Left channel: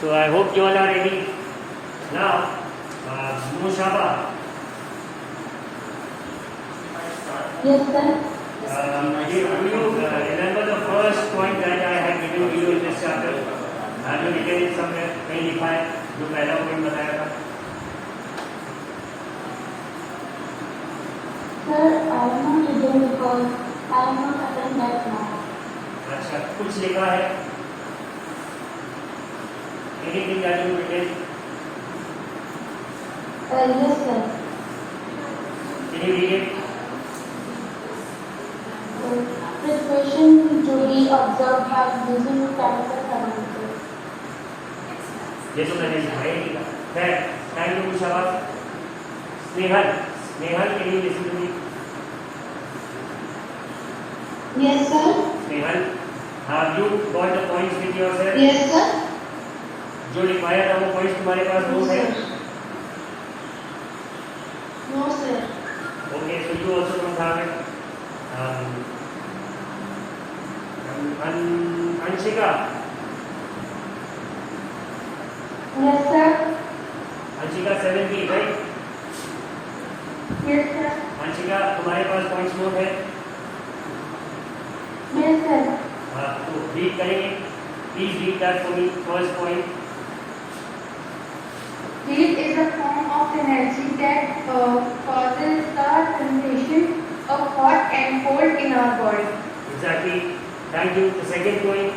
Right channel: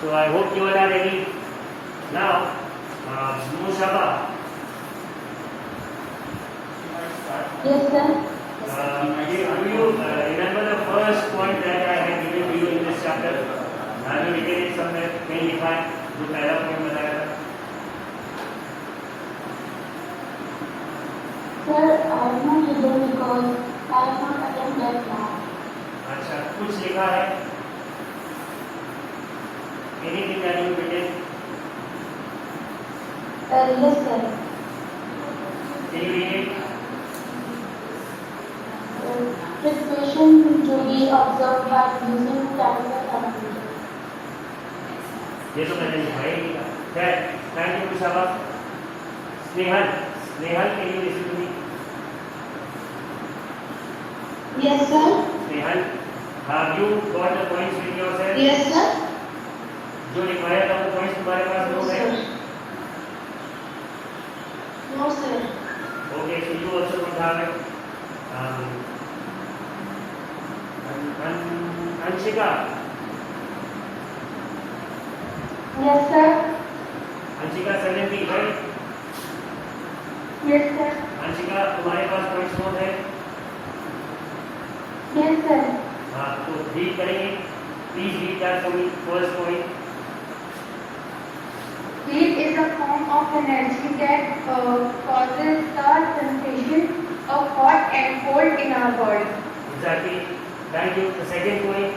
So I hope you all are ready. Now, Mushaba. Yes, sir. Do you remember the first point that I had given you in this chapter? मैंने लिखे हैं somewhere, कहीं लिखा है जो पहला point बताया था. Sir, I am not able because I am not attend that now. अच्छा, कुछ लिखा है. Anything that you written? Yes, sir. Can you read it? Situation to be observed by using chemical thermometer. ये तो मैंने लिखा है. Thank you, Mushaba. Snehal, can you listen to me? Yes, sir. Snehal, have you got the points with yourself? Yes, sir. जो लिखाया था वो points तुम्हारे पास नोट है? No, sir. Okay, so you also don't have it. Anshika. Yes, sir. Anshika 70, right? Yes, sir. Anshika, तुम्हारे पास points note है? Yes, sir. हाँ, तो रीड करेंगे. Please read that for me. First point. Heat is a form of energy that causes the sensation of hot and cold in our body. Exactly. Thank you. The second point.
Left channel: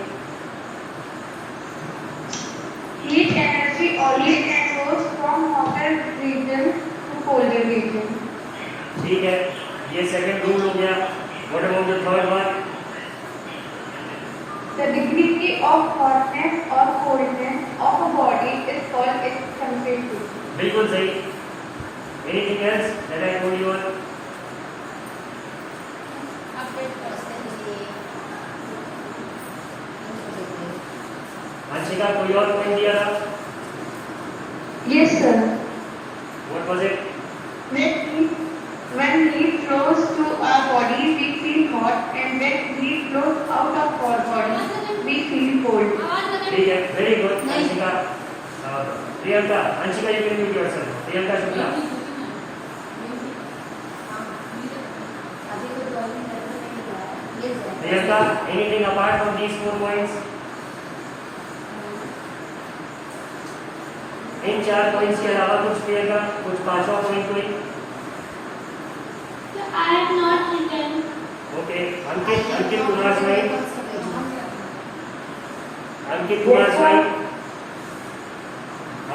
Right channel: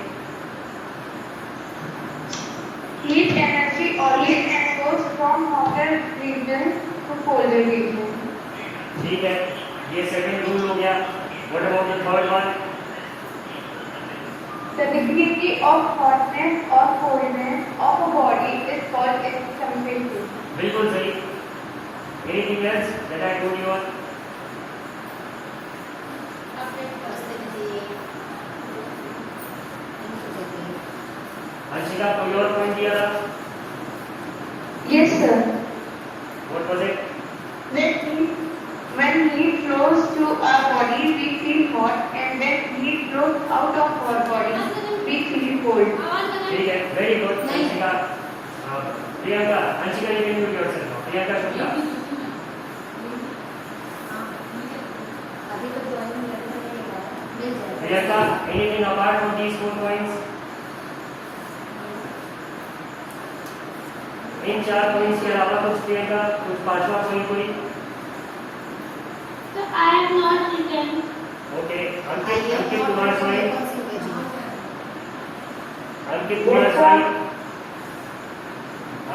Heat energy always goes from hotter region to colder region. ठीक है. ये second rule हो गया. What about the third one? The degree of hotness or coldness of a body is called its temperature. बिल्कुल सही. Anything else that I told you all? Anshika, कोई और point दिया था? Yes, sir. What was it? When heat flows to our body, we feel hot, and when heat flows out of our body, we feel cold. ठीक है. Very good. Anshika. Priyanka, Anshika, you can mute yourself. Priyanka Shukla. Priyanka, anything apart from these 4 points? In 4 points के अलावा कुछ प्रियंका, कुछ पांचवा point कोई? So I am not written. Okay. Ankit Kumar स्वाई. अंकित कुमार स्वाई.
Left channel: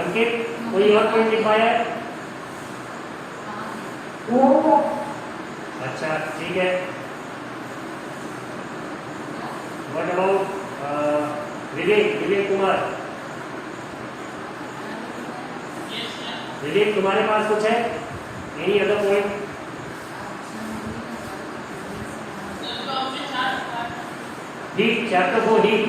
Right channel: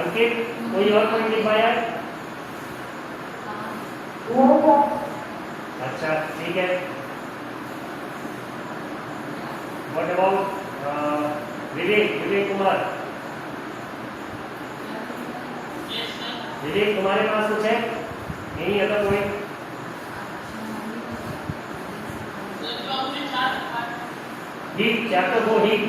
अंकित, कोई और पॉइंट लिखवाया है? No, sir. अच्छा, ठीक है. What about Vivek Kumar? विवेक, तुम्हारे पास कुछ है? Any other point? Heat, chapter 4, heat.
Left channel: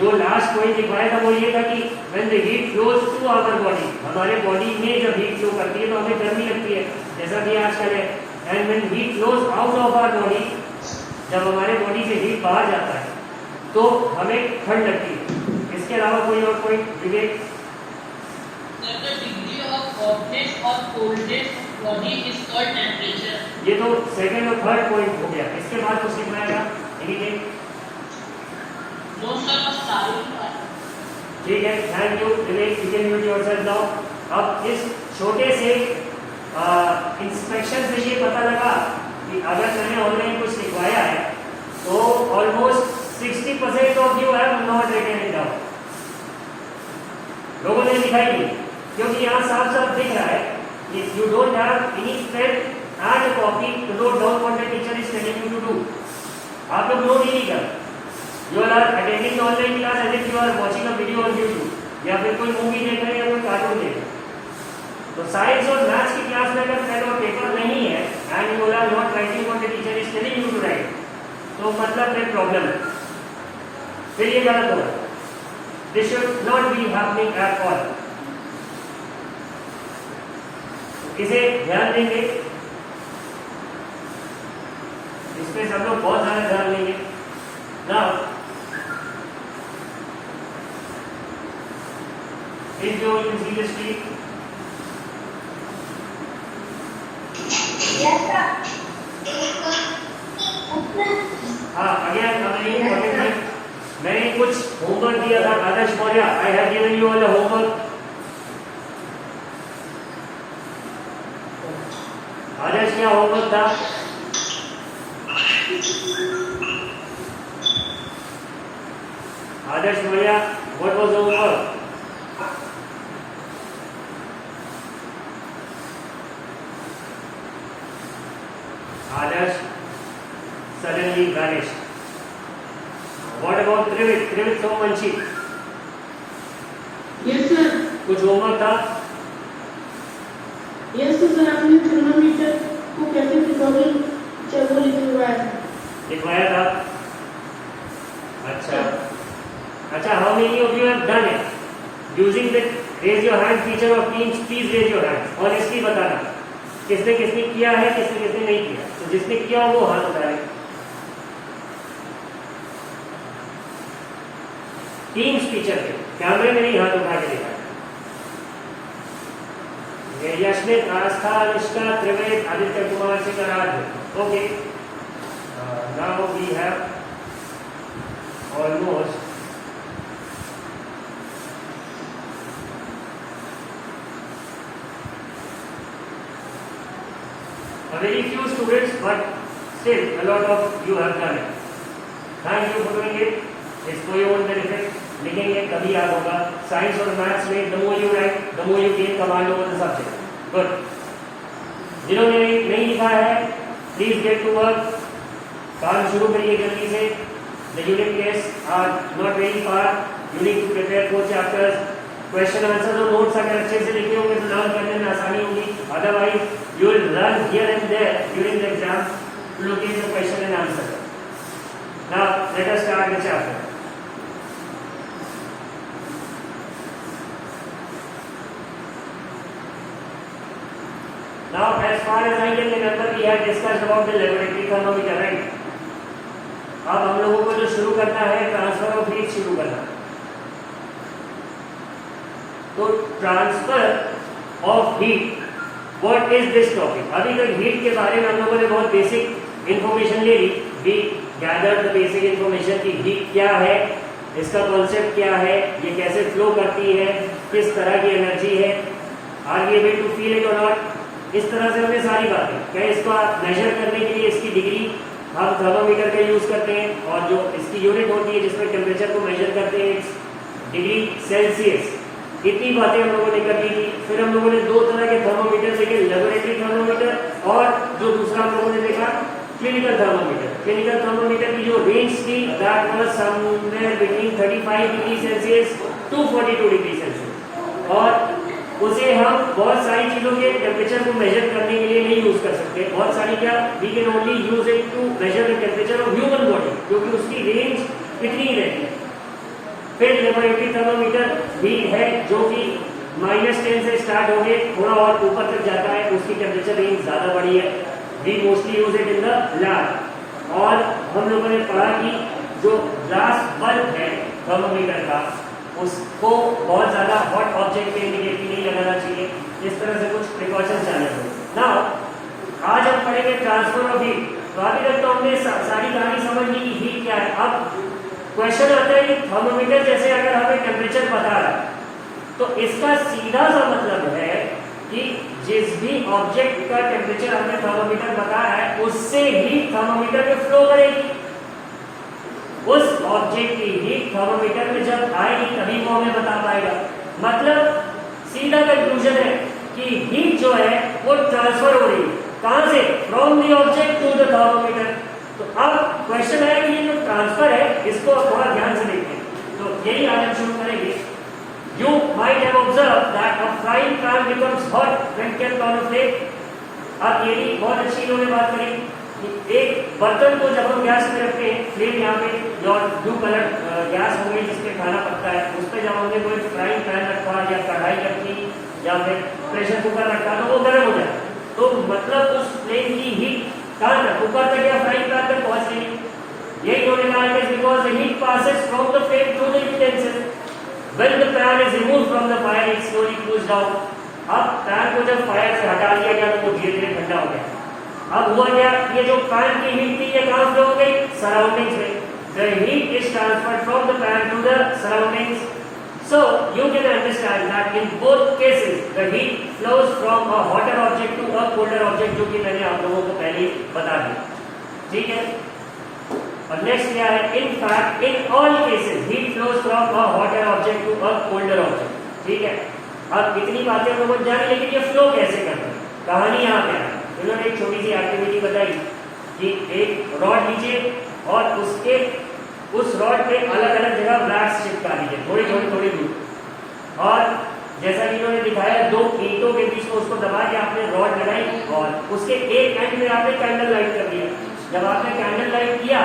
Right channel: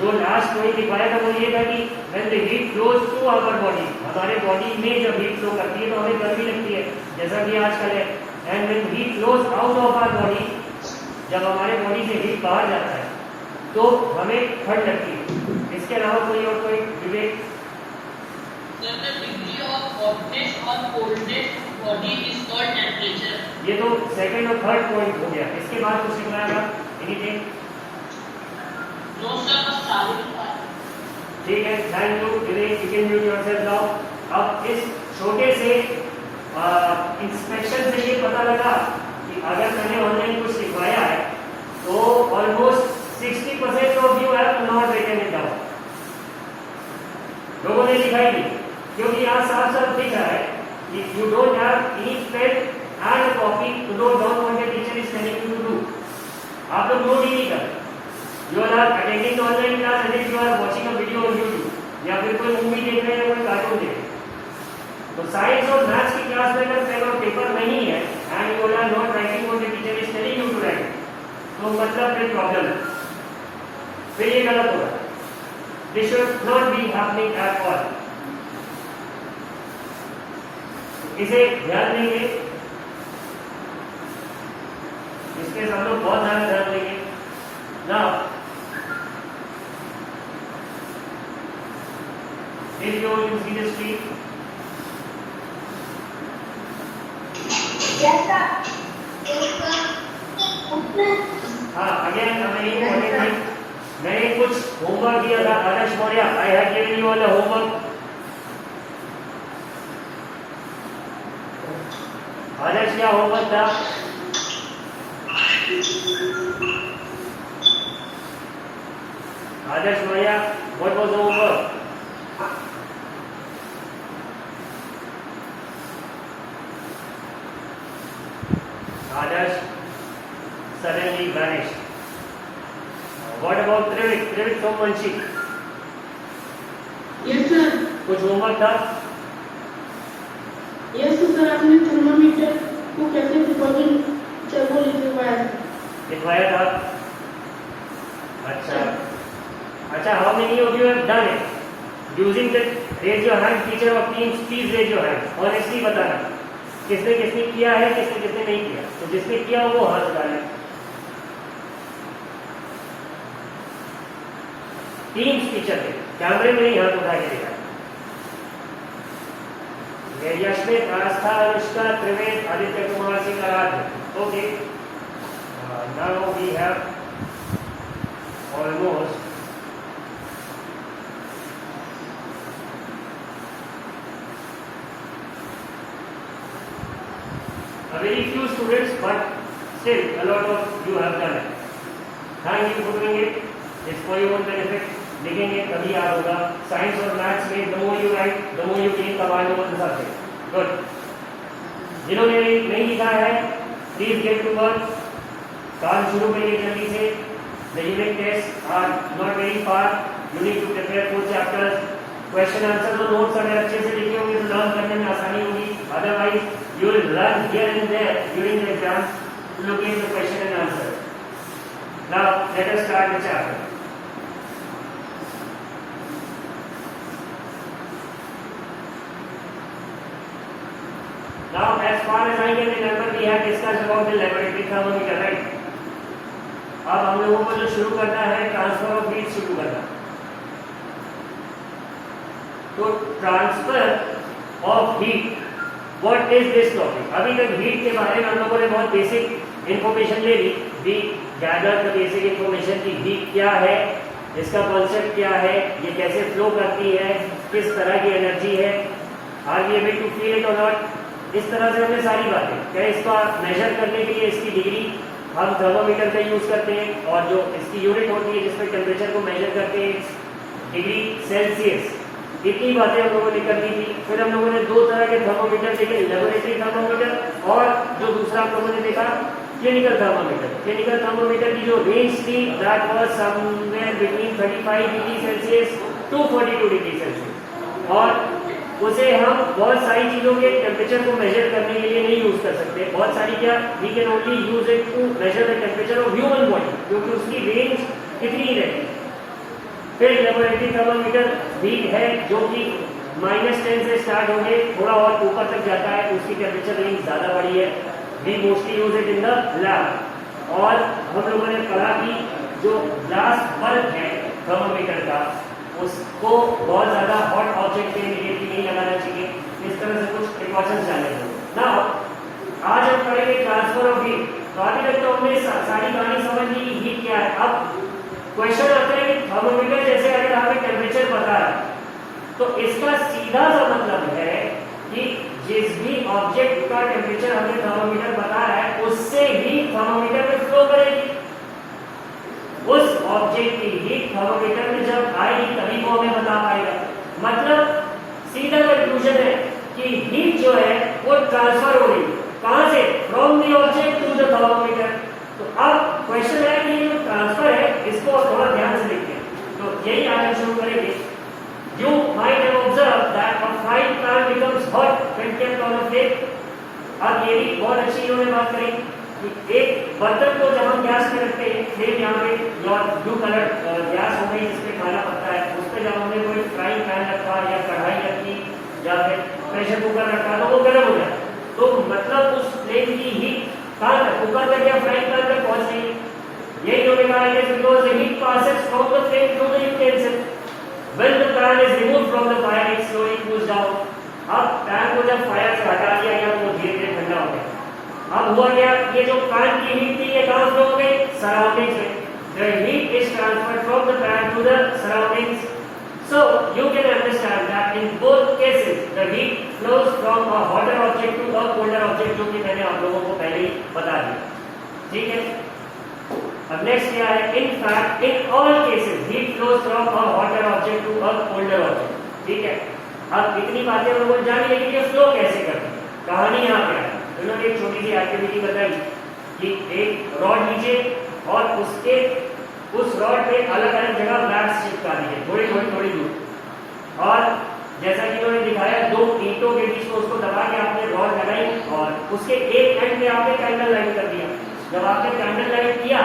जो लास्ट पॉइंट लिखवाया था वो ये था कि when the heat flows to our body, हमारे बॉडी में जब हीट फ्लो करती है तो हमें गर्मी लगती है, जैसा कि आजकल है. And when heat flows out of our body, जब हमारे बॉडी से हीट बाहर जाता है तो हमें ठंड लगती है. इसके अलावा कोई और point Vivek? The degree of hotness or coldness of body is called temperature. ये तो सेकंड और थर्ड पॉइंट हो गया. इसके बाद कुछ लिखना है? एनीथिंग? No, sir, बस सारे ठीक है. Thank you Vivek. You can mute yourself now. अब इस छोटे से इंस्पेक्शन से ये पता लगा कि अगर मैंने ऑनलाइन कुछ लिखवाया है तो almost 60% of you have not written it down. लोगों ने लिखा ही नहीं, क्योंकि यहाँ साफ साफ दिख रहा है कि you don't have any pen and copy to note down what the teacher is telling you to do. आप लोग नोट ही नहीं कर. You are attending the online class as if you are watching a video on YouTube या फिर कोई movie देख रहे हैं या कोई कार्टून देख रहे हैं. तो साइंस और मैथ्स की क्लास में अगर पेन और पेपर नहीं है and you are not writing what the teacher is telling you to write, तो मतलब फिर प्रॉब्लम है. फिर ये गलत होगा. This should not be happening at all. इसे ध्यान देंगे. इसमें सब लोग बहुत ज्यादा ध्यान देंगे ना। If you will see the street, Yes, sir. हाँ अगेन मैंने कुछ होमवर्क दिया था Adarsh Maurya, I have given you all the homework. Adarsh क्या होमवर्क था? Adarsh Maurya, what was the homework? Adarsh suddenly vanished. What about Trivik? Trivik Somanchi, Yes, sir. कुछ homework था? Yes, sir. आपने थर्मामीटर को कैसे प्रिकॉशन चलो लिखवाया लिखवाया था? अच्छा अच्छा, how many of you have done it? Using the raise your hand feature of Teams, please raise your hand. Honestly बताना किसने किसने किया है, किसने किसने नहीं किया। तो जिसने किया वो हाथ उठाए। टीम्स फीचर पे कैमरे में ही हाथ उठा के दिखा। यशमित, आस्था, Anushka, Trived, Aditya Kumar Singh, Aaradhya. Okay, now we have almost a very few students, but still a lot of you have done it. Thank you for doing it. It's for your own benefit. लिखेंगे तभी याद होगा। साइंस और मैथ्स में the more you write, the more you gain command over the subject. Good. जिन्होंने नहीं लिखा है, please get to work. काम शुरू करिए जल्दी से। The unit tests are not very far. You need to prepare 4 chapters. Question answer और notes अगर अच्छे से लिखे होंगे तो लर्न करने में आसानी होगी। Otherwise, you will run here and there during the exam to look at the question and answer. Now, let us start the chapter. Now, as far as I can remember, we had discussed about the laboratory thermometer, right? अब हम लोगों को जो शुरू करना है transfer of heat शुरू करना। तो transfer of heat, what is this topic? अभी तक हीट के बारे में हम लोगों ने बहुत बेसिक इंफॉर्मेशन ले ली। We gather the basic information की हीट क्या है, इसका कॉन्सेप्ट क्या है, ये कैसे फ्लो करती है, किस तरह की एनर्जी है, are we able to feel it और नॉट। इस तरह से हमने सारी बातें, क्या इसको मेजर करने के लिए इसकी डिग्री हम थर्मोमीटर का यूज करते हैं, और जो इसकी यूनिट होती है जिसमें टेम्परेचर को मेजर करते हैं डिग्री सेल्सियस। इतनी बातें हम लोगों ने कर दी थी। फिर हम लोगों ने 2 तरह के थर्मोमीटर देखे, लेबोरेटरी थर्मोमीटर और जो दूसरा हम लोगों ने देखा क्लिनिकल थर्मोमीटर। क्लिनिकल थर्मोमीटर की जो रेंज थी that was somewhere between 35 degree Celsius to 42 degree Celsius, और उसे हम बहुत सारी चीजों के टेम्परेचर को मेजर करने के लिए नहीं यूज कर सकते। बहुत सारी क्या, we can only use it to measure the temperature of human body, क्योंकि उसकी रेंज कितनी रहती है। फिर लेबोरेटरी थर्मोमीटर भी है जो कि -10 से स्टार्ट होके थोड़ा और ऊपर तक जाता है, उसकी टेम्परेचर रेंज ज्यादा बड़ी है। We mostly use it in the lab. और हम लोगों ने पढ़ा कि जो ग्लास बल्ब है थर्मोमीटर का, उसको बहुत ज्यादा हॉट ऑब्जेक्ट के इमीडिएटली नहीं लगाना चाहिए। इस तरह से कुछ प्रिकॉशंस जाने होंगे। नाउ आज हम पढ़ेंगे ट्रांसफर ऑफ हीट। तो अभी तक तो हमने सारी कहानी समझ ली कि हीट क्या है। अब क्वेश्चन आता है कि थर्मोमीटर जैसे अगर हमें टेम्परेचर पता है तो इसका सीधा सा मतलब है कि जिस भी ऑब्जेक्ट का टेम्परेचर हमने थर्मोमीटर बताया है उससे ही थर्मोमीटर में फ्लो करेगी। उस ऑब्जेक्ट की हीट थर्मोमीटर में जब आएगी तभी वो हमें बता पाएगा। मतलब सीधा कंक्लूजन है कि हीट जो है वो ट्रांसफर हो रही है। कहां से? From the object to the thermometer. तो अब क्वेश्चन है कि ये जो ट्रांसफर है इसको थोड़ा ध्यान से देखिए। तो यही आज हम शुरू करेंगे। You might have observed that a frying pan becomes hot when kept on a flame. अब ये भी बहुत अच्छी इन्होंने बात करी कि एक बर्तन को जब हम गैस पे रखते हैं, फ्लेम यहाँ पे और ब्लू कलर गैस हो गई जिसपे खाना पकता है, उस पर जब हमने कोई फ्राइंग पैन रखा या कढ़ाई रखी या फिर प्रेशर कुकर रखा तो वो गर्म हो जाए। तो मतलब उस फ्लेम की हीट कहाँ तक, ऊपर तक या फ्राइंग पैन तक पहुंच रही है। यही इन्होंने कहा है because the heat passes from the flame to the utensil when the pan is removed from the fire it slowly cools down. अब पैन को जब फायर से हटा दिया गया तो वो धीरे धीरे ठंडा हो गया। अब हुआ क्या, ये जो पैन की हीट थी ये कहाँ फ्लो हो गई, सराउंडिंग्स में। The heat is transferred from the pan to the surroundings. So you can understand that in both cases the heat flows from a hotter object to a colder object, जो कि मैंने आप लोगों को पहले ही बता दिया। ठीक है, अब नेक्स्ट क्या है, in fact in all cases heat flows from a hotter object to a colder object। ठीक है, अब इतनी बातें हम लोगों जानी, लेकिन ये फ्लो कैसे करता है, कहानी यहाँ पे है। उन्होंने एक छोटी सी एक्टिविटी बताई कि एक रॉड लीजिए और उसके उस रॉड पे अलग अलग जगह ब्लैक्स चिपका दीजिए, थोड़ी दूर। और जैसा कि उन्होंने दिखाया, दो ईंटों के बीच में उसको दबा के आपने रॉड लगाई और उसके एक एंड में आपने कैंडल लाइट कर दिया। जब आपने कैंडल लाइट किया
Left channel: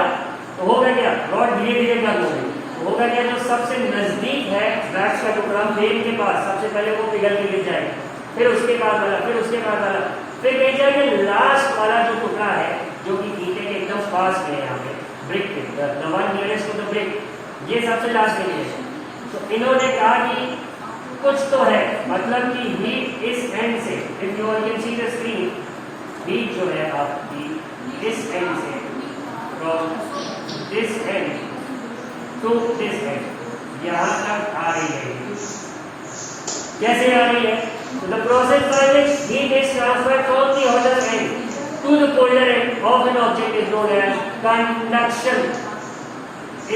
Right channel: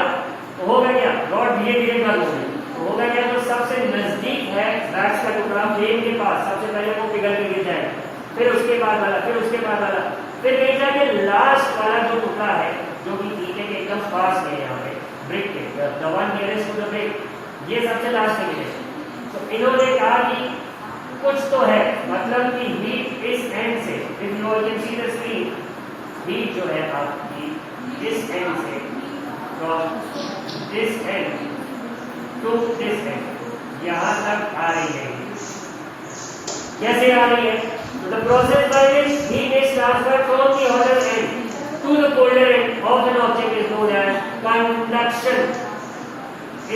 तो होगा क्या, रॉड धीरे धीरे बंद हो गई। तो होगा क्या, जो सबसे नजदीक है ब्लैक्स का टुकड़ा फ्लेम के पास, सबसे पहले वो पिघल के गिर जाएगा, फिर उसके बाद वाला, फिर उसके बाद वाला, फिर कहीं जाके लास्ट वाला जो टुकड़ा है जो कि ईंटे के एकदम पास में है, यहाँ पे ब्रिक के the one nearest to the brick, ये सबसे लास्ट में है। तो इन्होंने कहा कि कुछ तो है, मतलब कि हीट इस एंड से, if you can see the screen, heat जो है आपकी इस एंड से, from this end to this end, यहाँ तक आ रही है। कैसे आ रही है, तो the process by which heat is transferred from the hotter and to the colder end of an object is known as conduction।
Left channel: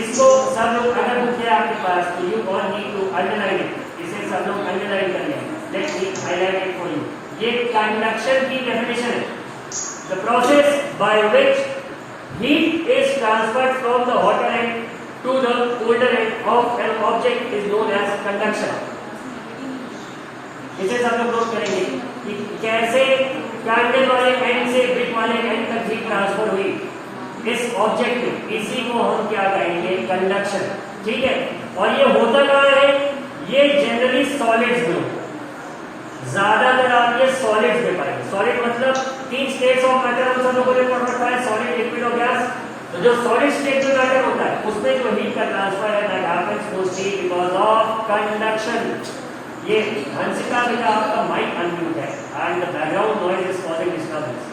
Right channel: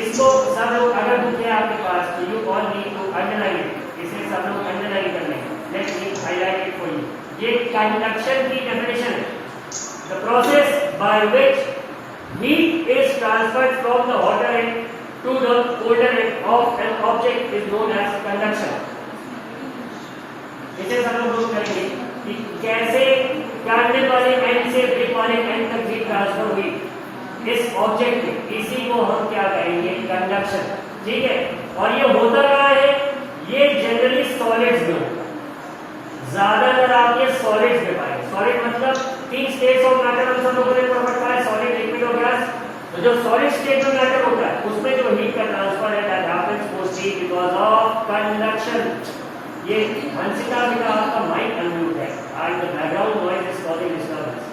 इसको सब लोग अगर बुक है आपके पास तो you all need to underline it, इसे सब लोग अंडरलाइन कर लें। Let me highlight it for you। ये conduction की definition है, the process by which heat is transferred from the hotter end to the colder end of an object is known as conduction। इसे सब लोग note करेंगे कि कैसे करने वाले एंड से ब्रिक वाले एंड तक हीट ट्रांसफर हुई इस ऑब्जेक्ट में, इसी को हम क्या कहेंगे, कंडक्शन। ठीक है, और ये होता कहाँ है, ये जनरली सॉलिड्स में होता है, ज्यादातर आप ये सॉलिड्स में पाएंगे। सॉलिड मतलब 3 स्टेट्स ऑफ मैटर हम सब लोगों ने पढ़ रखा है, सॉलिड, लिक्विड और गैस। तो जो सॉलिड स्टेट में मैटर होता है उसमें जो हीट का ट्रांसफर है that happens mostly because of conduction. ये हंसिका बेटा आपका माइक अनम्यूट है and the background noise is causing disturbance.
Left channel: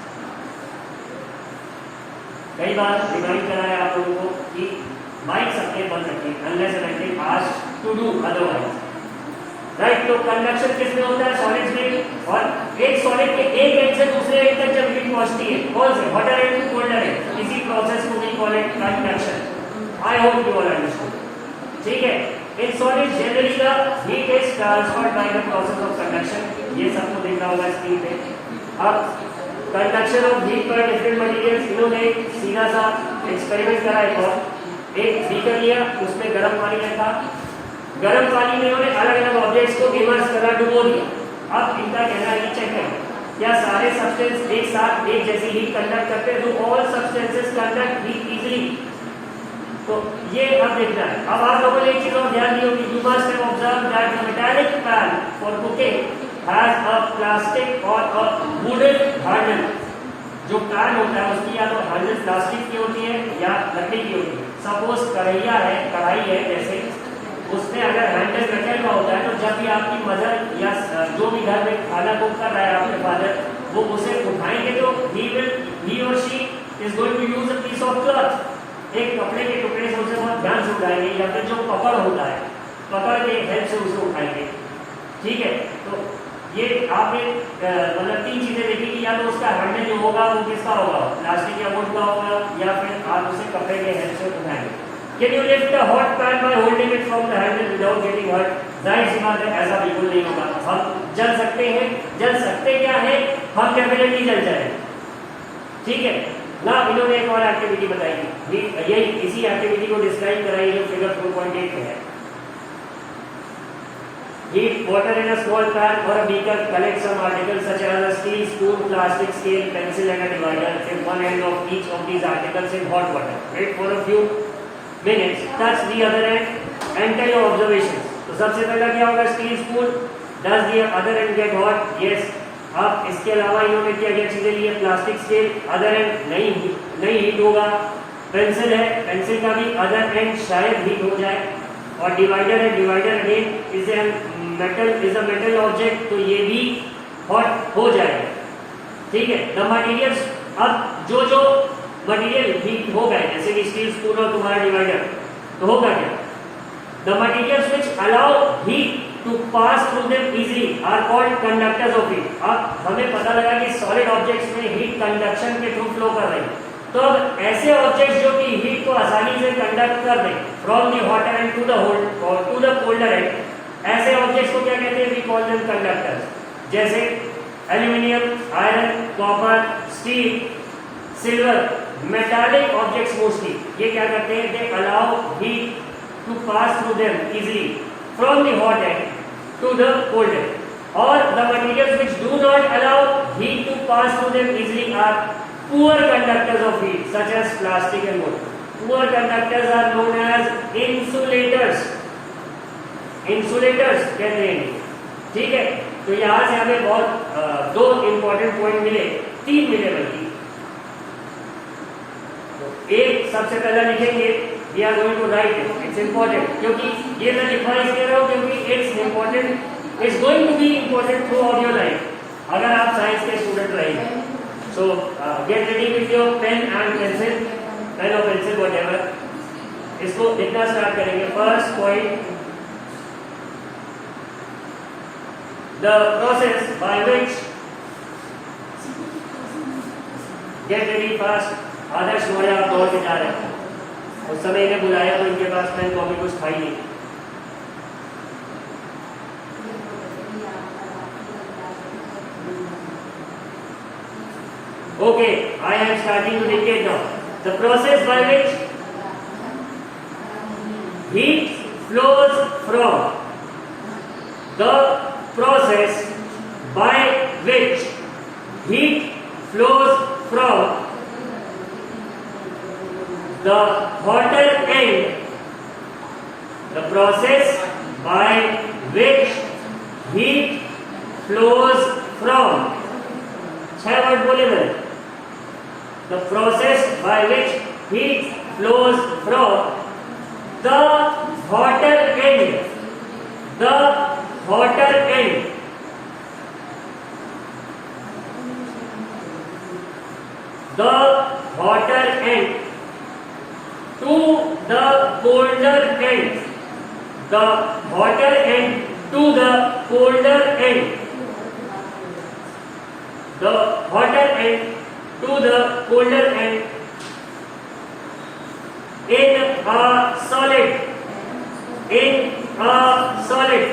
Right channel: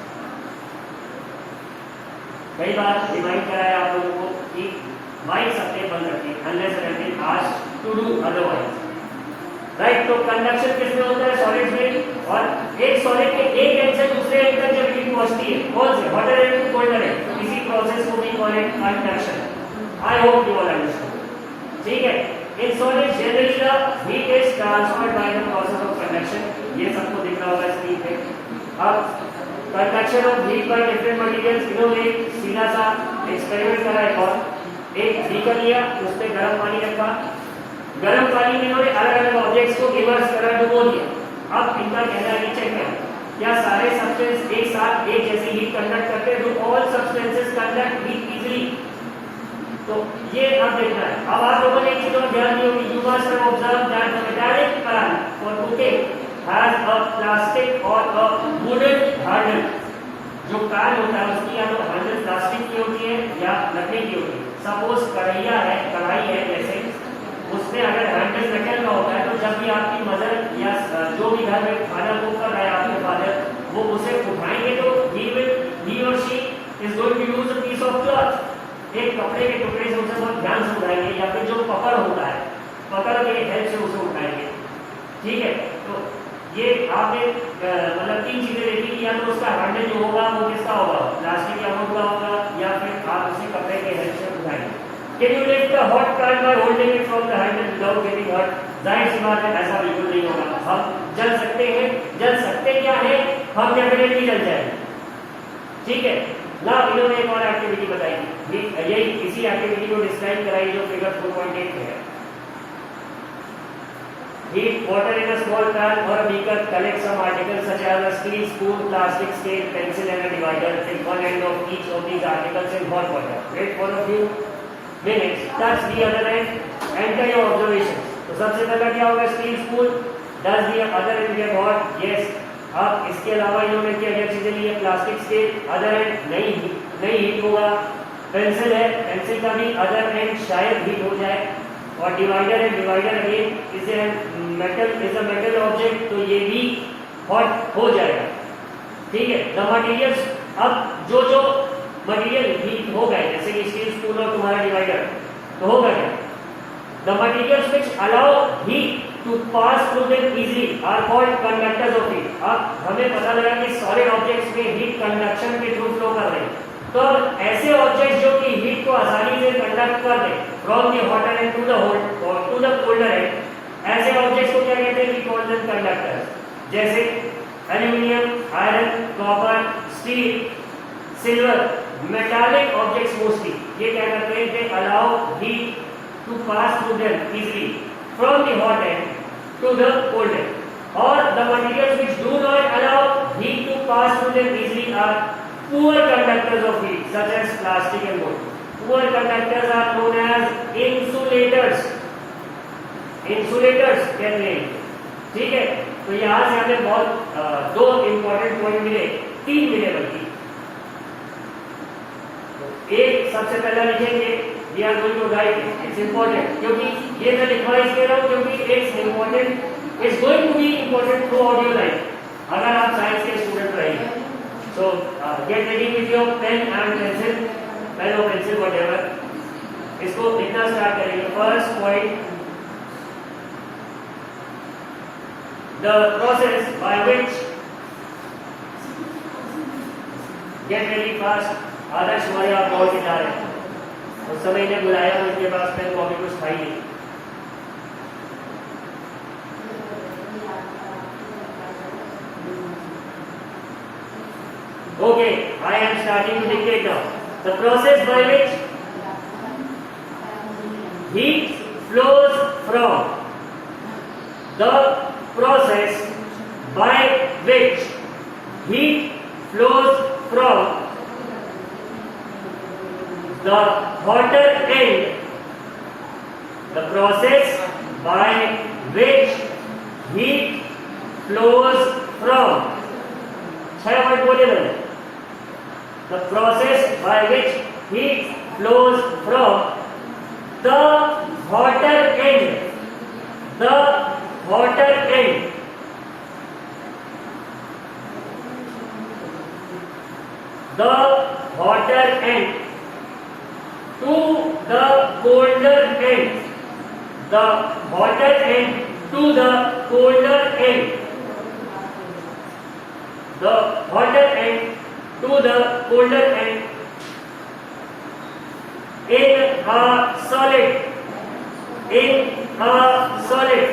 कई बार रिमाइंड कराया आप लोगों को कि माइक सबके बंद रखें unless and asked to do otherwise, right. तो कंडक्शन किसमें होता है, सॉलिड्स में। और एक सॉलिड के एक एंड से दूसरे एंड तक जब हीट पहुंचती है, कौन से, hotter end to colder end, इसी प्रोसेस को भी call it conduction. I hope you all understand. ठीक है, in solid generally the heat is transferred by the process of conduction। ये सबको दिख रहा होगा स्क्रीन पे। अब conduction of heat by different materials, इन्होंने सीधा सा एक्सपेरिमेंट करा। एक बीकर लिया, उसमें गर्म पानी रखा, गर्म पानी में इन्होंने अलग अलग ऑब्जेक्ट्स को इमर्स करा, डुबो दिया। अब इनका कहना है, चेक करें क्या सारे सब्सटेंस एक साथ एक जैसी हीट कंडक्ट करते हैं, do all substances conduct heat easily. तो ये अब देखना है। अब आप लोगों ने एक चीज और ध्यान दी होगी, you must have observe that the metallic pan for cooking has a plastic और अ वुडन हैंडल। जो पैन होता है उसकी या तो हैंडल प्लास्टिक की होती है या लकड़ी की होती है। सपोज कढ़ैया है, कढ़ाई है जैसे, उसमें अगर हैंडल मेटल का होता है तो जब भी आपकी मदर या जो भी घर में खाना कुक कर रहा है आपके फादर, वो उसे उठाएंगे तो ही और she is going to use a piece of cloth, एक कपड़े के टुकड़े से उसे बहुत ध्यान से उठाएंगे, या फिर जो पकड़ होता है पकड़ के हेल्प से उसे उठाएंगे। ठीक है, तो ये आपने मतलब 3 चीजें देखी कि या तो उसका हैंडल जो होगा वो किसका होगा, प्लास्टिक या वुड का होगा, या फिर आप उसे कपड़े के हेल्प से उठाएंगे। Can you lift the hot pan by holding it from the handle without getting hurt? जाहिर सी बात है ऐसा बिल्कुल नहीं होगा। हम जल सकते हैं, जल सकते क्या है, हम डेफिनेटली जल जाएंगे। ठीक है ना। इन्होंने एक और एक्टिविटी बताई, यही इसी एक्टिविटी को डिस्क्राइब कराई जो फिगर 4.8 में है। Heat water in a small pan or a beaker, collect some articles such as a steel spoon, plastic scale, pencil and a divider. In one end of each of these articles in hot water. Wait for a few minutes. Touch the other end. Enter your observations. तो सबसे पहला क्या होगा, steel spoon. Does the other end get hot? Yes. अब इसके अलावा इन्होंने क्या क्या चीजें ली है, प्लास्टिक स्केल अदर एंड नहीं हीट होगा, पेंसिल है, पेंसिल का भी अदर एंड शायद हीट हो जाए, और डिवाइडर है, divider again is a metal object, तो ये भी हॉट हो जाएगा, ठीक है। द मटेरियल्स, अब जो मटेरियल हीट हो गए, जैसे कि स्टील स्पून और तुम्हारा डिवाइडर, तो होगा क्या, the materials which allow heat to pass through them easily are called conductors of heat. अब हमें पता लगा कि सॉलिड ऑब्जेक्ट्स में हीट कंडक्शन के थ्रू फ्लो कर रहे हैं, तो अब ऐसे ऑब्जेक्ट्स जो कि हीट को आसानी से कंडक्ट कर दें from the hotter end to the colder end, ऐसे ऑब्जेक्ट्स को क्या कहते हैं, वी कॉल देम कंडक्टर्स। जैसे aluminium, iron, copper, steel, silver, metallic objects mostly ये क्या करते हैं, they allow heat to pass through them easily from the hot end to the cold end, और the materials which do not allow heat to pass through them easily are poor conductors of heat such as plastic and wood. Poor conductors are known as insulators. Insulators कहते हैं, ठीक है। तो यहाँ से हमें बहुत दो इंपॉर्टेंट पॉइंट मिले, तीन मिले बल्कि। तो एक सबसे पहला लिखेंगे, we are going to write it. It's important, क्योंकि ये मैं लिखवा इसलिए रहा हूँ क्योंकि it's important, it's going to be important throughout your life अगर आप साइंस के स्टूडेंट रहेंगे। So get ready with your pen and pencil, pen or pencil whatever. इसको लिखना स्टार्ट करेंगे। First point, the process by which, get ready fast. आदर्श हमारे आप दौड़ के जा रहे हैं, उस समय इन्हें बुलाया तो इनके पास पेन कॉपी कुछ था ही नहीं। Okay, I am starting to indicate now. The process by which heat flows from, the process by which heat flows from the hotter end, the process by which heat flows from, 6 word बोले मैंने, the process by which heat flows from the hotter end, the hotter end, the hotter end to the colder end, the hotter end to the colder end, the hotter end to the colder end in a solid, in a solid,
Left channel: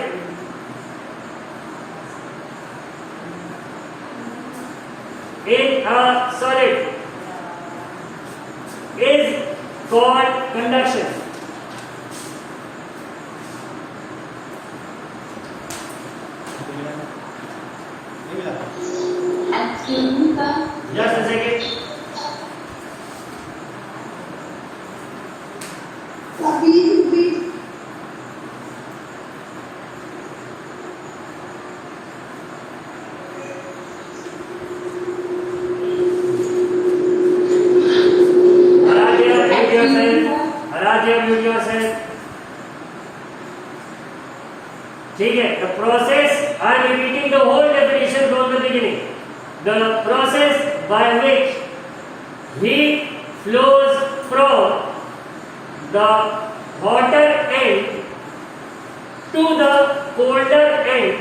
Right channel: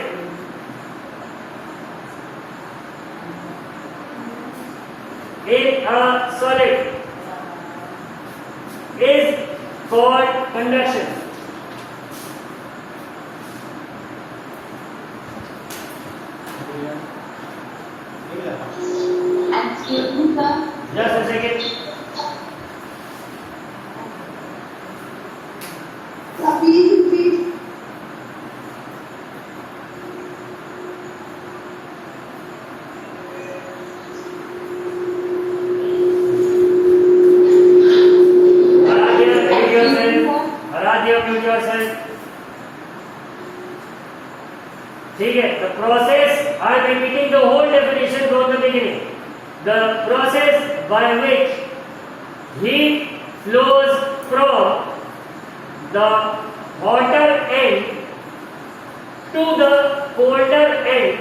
in a solid is called conduction. Excuse me, sir. Just a second. Please. Mute yourself. ठीक है, the process, I am repeating the whole definition from the beginning. The process by which heat flows from the hotter end to the colder end.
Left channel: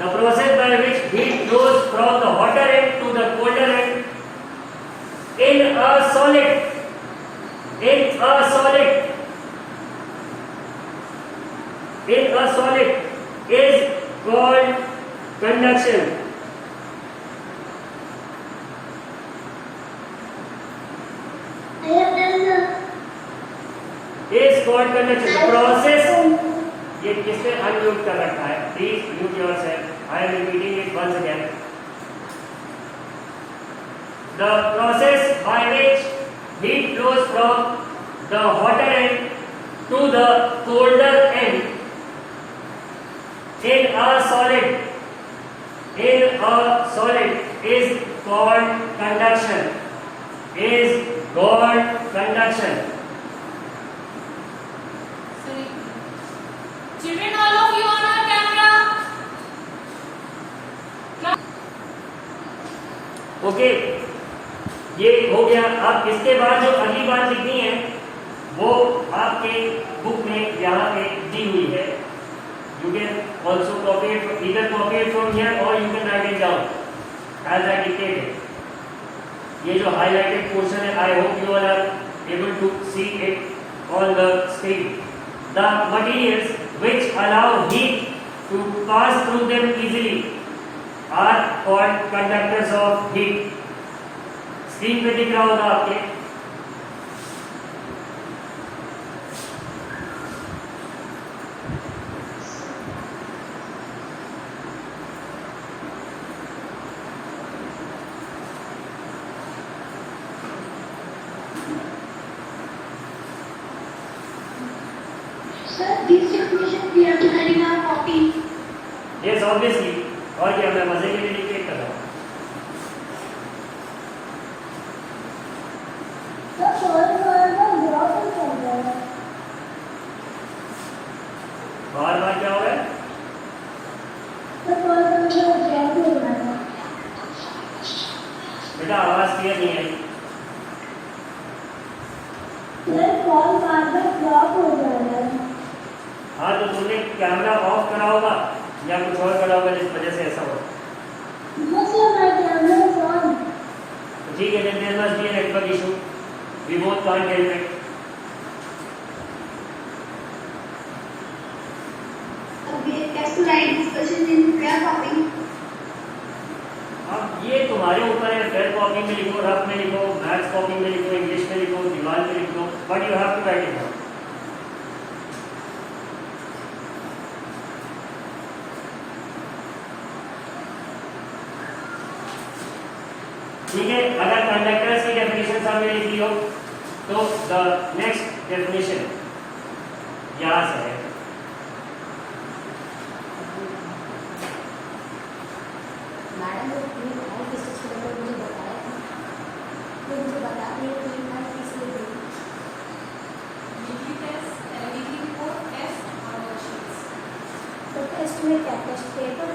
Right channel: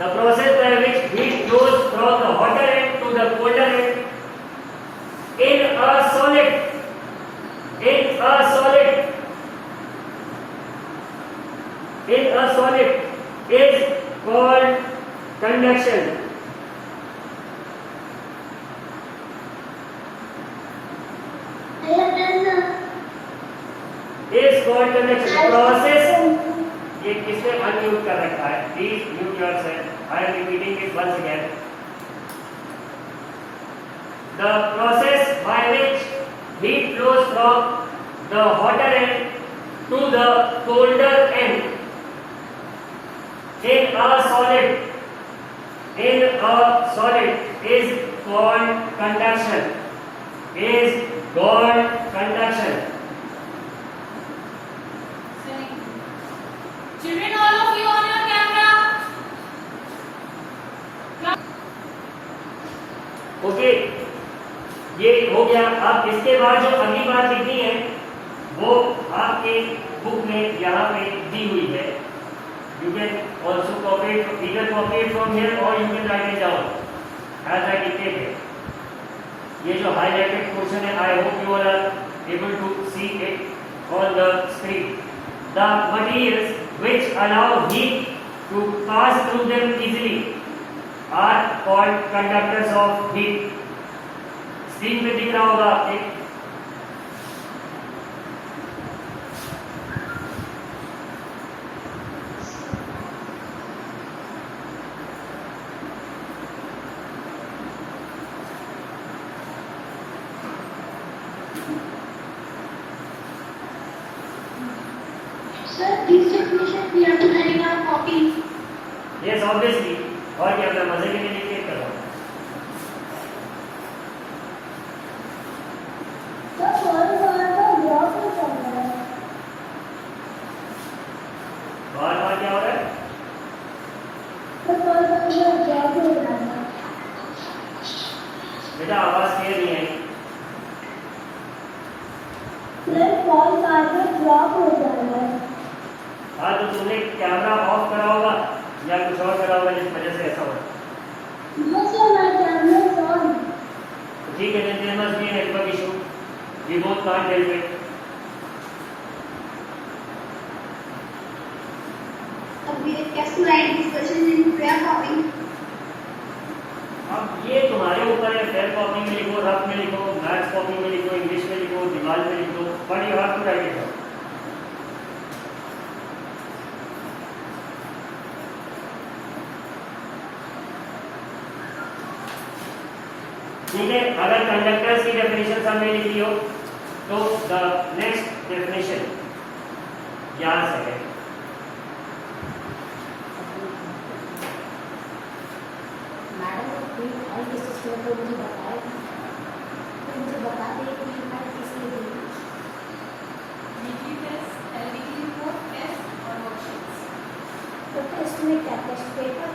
The process by which heat flows from the hotter end to the colder end in a solid, in a solid, in a solid is called conduction. Is called conduction. The process, ये किसने unmute कर रखा है? Please mute yourself. I am repeating it once again. The process by which heat flows from the hotter end to the colder end in a solid in a solid is called conduction. Is called conduction. Children, all of you on your camera. Okay, ये हो गया। आप इसके बाद जो अगली बात लिखनी है वो आपके बुक में यहाँ पे दी हुई है। You can also copy it, either copy it from here or you can write it down as I dictated. ये जो highlighted portion है, I hope you all are able to see it on the screen. The materials which allow heat to pass through them easily are called conductors of heat. Screen पे दिख रहा होगा आपके। Sir, these definitions we have to write in our copy. Yes, obviously. और क्या, मैं मजे के लिए डिक्टेट कर रहा हूँ। बार बार क्या हो रहा है? बेटा आवाज क्लियर नहीं है। हाँ, तो तुमने कैमरा ऑफ करा होगा या कुछ और करा होगा जिस वजह से ऐसा हो रहा है। ठीक है, then there must be a network issue. We both can't help it. Okay, have to write these questions in their copy. अब ये तुम्हारे ऊपर है। फेयर कॉपी में लिखो, रफ में लिखो, मैथ्स कॉपी में लिखो, इंग्लिश में लिखो, दीवार में लिखो, but you have to write it down. ठीक है, अगर कंडक्टर्स की डेफिनेशन हमने लिखी हो तो द नेक्स्ट डेफिनेशन यहां से है। Estimate that test paper.